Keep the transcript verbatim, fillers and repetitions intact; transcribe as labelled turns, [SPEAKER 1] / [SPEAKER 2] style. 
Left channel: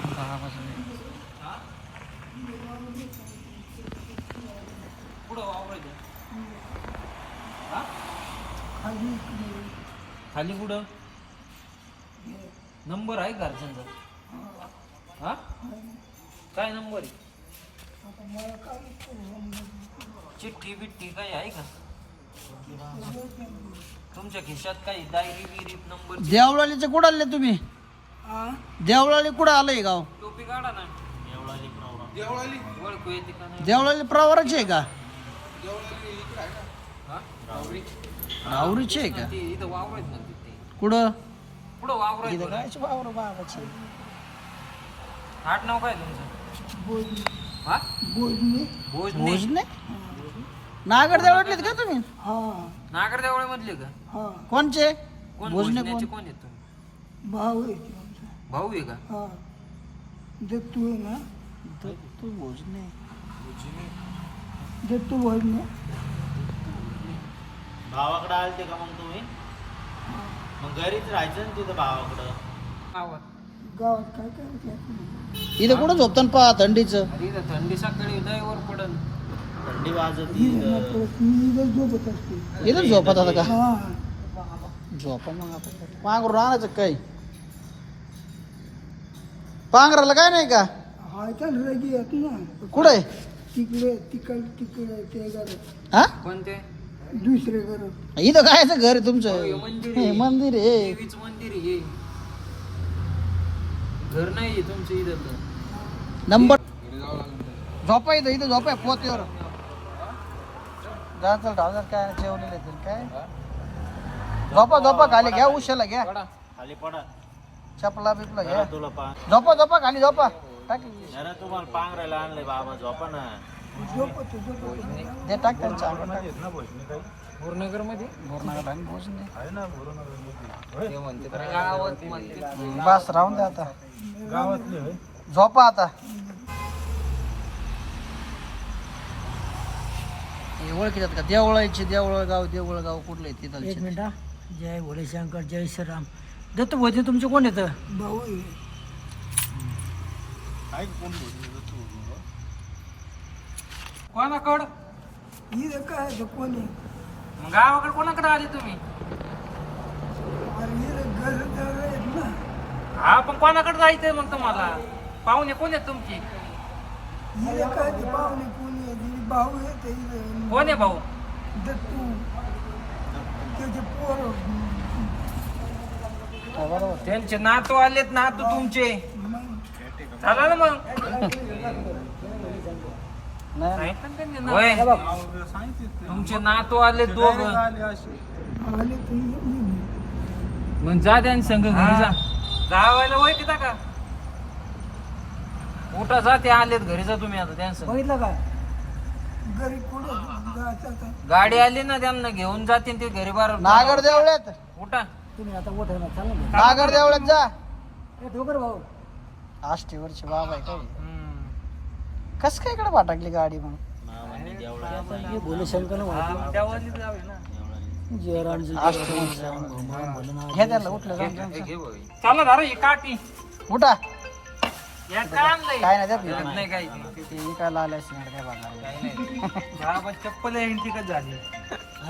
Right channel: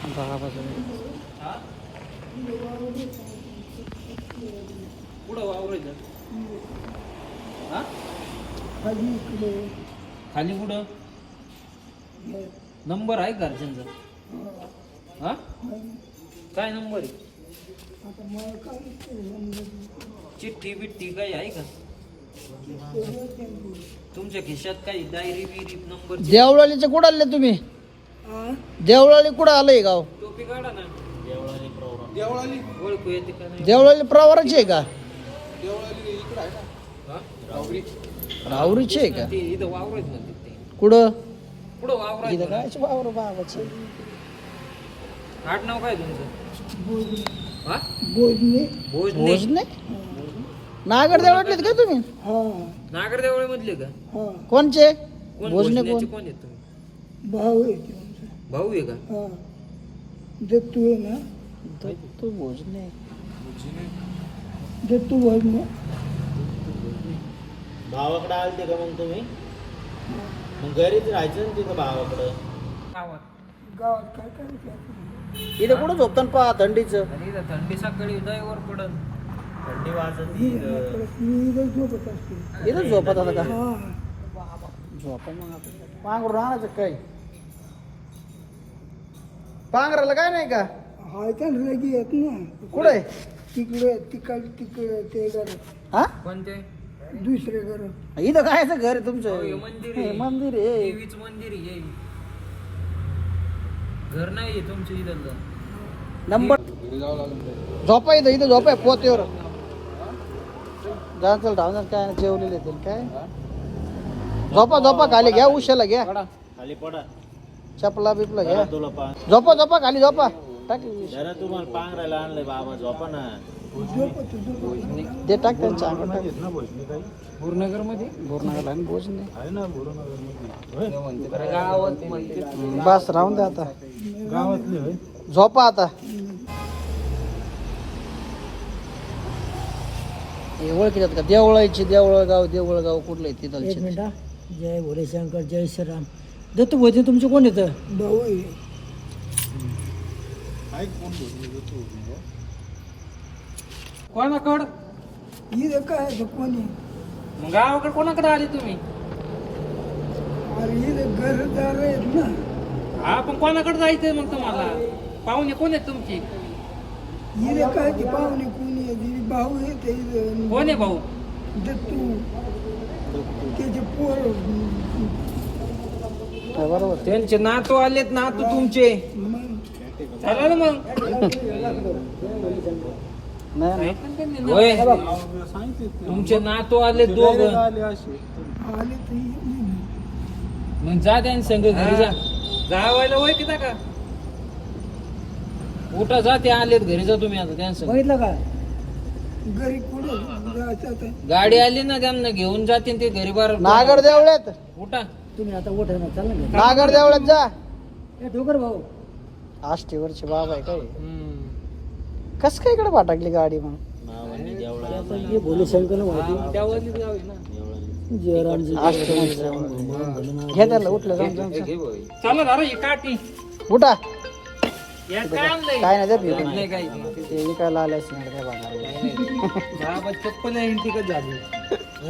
[SPEAKER 1] हा पुढं वावरायचं हा
[SPEAKER 2] खाली इकडे
[SPEAKER 1] खाली कुठं नंबर आहे घरच्यांचा हा काय नंबर आहे
[SPEAKER 2] आता मला काय
[SPEAKER 1] चिठ्ठी बिठ्ठी काही आहे का तुमच्या खिशात काही डायरी बिरी नंबर
[SPEAKER 3] देवळालीचे कुठं आले तुम्ही देवळाली कुठं आलंय गाव
[SPEAKER 1] टोपी काढा ना देवळाली प्रवरा देवळाली ओळखू येते का नाही
[SPEAKER 3] देवळाली प्रवाराची आहे का
[SPEAKER 1] देवळाली इकडे आहे ना हा रावरी
[SPEAKER 3] राहुरीची आहे का
[SPEAKER 1] ते इथं वावरायत ना तिथे
[SPEAKER 3] कुठं
[SPEAKER 1] पुढं वावरायत
[SPEAKER 3] इथं राहायचं वावर बाबाचं.
[SPEAKER 1] आठ नाव काय तुमचं
[SPEAKER 2] बोलणे
[SPEAKER 1] हा
[SPEAKER 2] बोलणे
[SPEAKER 1] भोजने
[SPEAKER 3] भोजने नागड देवळातलेत का तुम्ही
[SPEAKER 2] हा
[SPEAKER 1] नागरदेवळे मधले का
[SPEAKER 2] हा
[SPEAKER 3] कोणचे
[SPEAKER 1] कोण
[SPEAKER 3] भोजने
[SPEAKER 1] भोजण्याचे
[SPEAKER 3] कोण
[SPEAKER 1] कोण आहेत तुम्ही
[SPEAKER 2] भाऊ आहे ते आमचा.
[SPEAKER 1] भाऊ आहे का
[SPEAKER 2] हा दत्तू आहे ना
[SPEAKER 3] दत्तू भोजने
[SPEAKER 2] दत्तू बोलणे
[SPEAKER 4] भावाकडे आलते का मग तुम्ही मग घरीच राहायचं ना तिथं भावाकडं
[SPEAKER 2] गावात काय करायचं आपण?
[SPEAKER 3] इथे कुठं झोपताना पहा थंडीचं
[SPEAKER 1] इथं थंडी सकाळी दहीवर पडन
[SPEAKER 4] थंडी वाजत
[SPEAKER 2] ही म्हटलं, मी इथं झोपत असते
[SPEAKER 3] इथं झोपत आता का
[SPEAKER 2] हा
[SPEAKER 3] झोपा मग आपण पांघरून आणायचं काय पांघराला काय नाही का
[SPEAKER 2] हाय का रगी येत ना
[SPEAKER 3] कुठे
[SPEAKER 2] तिकडे तिकडे तिकडे ते घर
[SPEAKER 3] हा
[SPEAKER 1] कोणते
[SPEAKER 2] दुसरे घर
[SPEAKER 3] इथं काय घर आहे तुमचं
[SPEAKER 1] हे मंदिर
[SPEAKER 3] हे
[SPEAKER 1] आहे.
[SPEAKER 3] मंदिर आहे
[SPEAKER 1] देवीच मंदिर आहे घर नाही तुमचं इथं
[SPEAKER 3] नंबर झोपा इथं इथं झोपा पोतेवर जायचं डावणार काय जेवलेले तर काय झोपा झोपा खाली घ्या उशाला घ्या
[SPEAKER 4] खाली पडा
[SPEAKER 3] चपला बिपला घ्या
[SPEAKER 4] तुला पाच
[SPEAKER 3] झोपा झोपा खाली झोपा टाक
[SPEAKER 4] जरा तुम्हाला पांघरायला आणलंय बाबा झोपा ना
[SPEAKER 2] झोपत झोपत
[SPEAKER 3] दे टाक त्यांच्या अंगात टाक
[SPEAKER 1] पूर्णगर मध्ये
[SPEAKER 3] बोरनाला आणि भोजन दे
[SPEAKER 1] गावात मध्ये
[SPEAKER 3] बस राहून दे आता झोपा आता ओळखीतात का देवळाची देवळगाव देवळगाव कुठलं आहे
[SPEAKER 2] एक
[SPEAKER 3] तिथं
[SPEAKER 2] मिनिट हा. जय भोले शंकर जय श्रीराम दत्तू भोजन तुमचे कोण येतं भाऊ आहे
[SPEAKER 1] कोणाकड
[SPEAKER 2] इथं काय आहे कोणी
[SPEAKER 1] मग गावाकडे कोणाकडे आले तुम्ही
[SPEAKER 2] अरे इथं घरदार आहेत ना
[SPEAKER 1] हा पण कोणाकडे जायचंय मग तुम्हाला पाहुणे कोण आहेत तुमची
[SPEAKER 2] इथं काय ते पाहुणे कोणी आहे ते भाऊ येते इथं
[SPEAKER 1] कोण आहे भाऊ
[SPEAKER 2] दत्तू त्याचे पोर
[SPEAKER 3] बरोबर
[SPEAKER 1] त्यांचे नातू आलेत नातू तुमचे
[SPEAKER 2] मग
[SPEAKER 1] चला ना मग
[SPEAKER 3] नाही
[SPEAKER 1] होय तुमचे नातू आले दोघ
[SPEAKER 2] आले तर येऊ.
[SPEAKER 1] मग जा त्यांनी संघ घरी जा गावायला वय किती का उठा जा ते आलेत घरी जा तुम्ही आता त्यांचं
[SPEAKER 2] बघितलं का घरी कुठे जायचं आता
[SPEAKER 1] गाडी आली ना त्यांना घेऊन जातील ते घरी बार
[SPEAKER 3] नागड देवळ्यात
[SPEAKER 1] उठा
[SPEAKER 2] तुम्ही आता उठा ना चला ना
[SPEAKER 3] नागड देवळ्यात जा
[SPEAKER 2] ए, ठोकर भाऊ
[SPEAKER 3] आष्टीवरची बाबा आहे काय
[SPEAKER 1] हम्म.
[SPEAKER 3] कस काय इकडे पाठकली गाडी मग
[SPEAKER 2] हे भोले शंकर
[SPEAKER 1] हा, त्यावरली जाऊया ना
[SPEAKER 3] घे त्याला उठलं जाऊन जाऊन जाऊन.
[SPEAKER 1] चला दारा ही काठी
[SPEAKER 3] उठा
[SPEAKER 1] यात काय आणलंय
[SPEAKER 3] काय नाही देत मी
[SPEAKER 1] नाही काही
[SPEAKER 3] ते विकायला आले असते काय बघा
[SPEAKER 1] चप्पल आहे ती झाली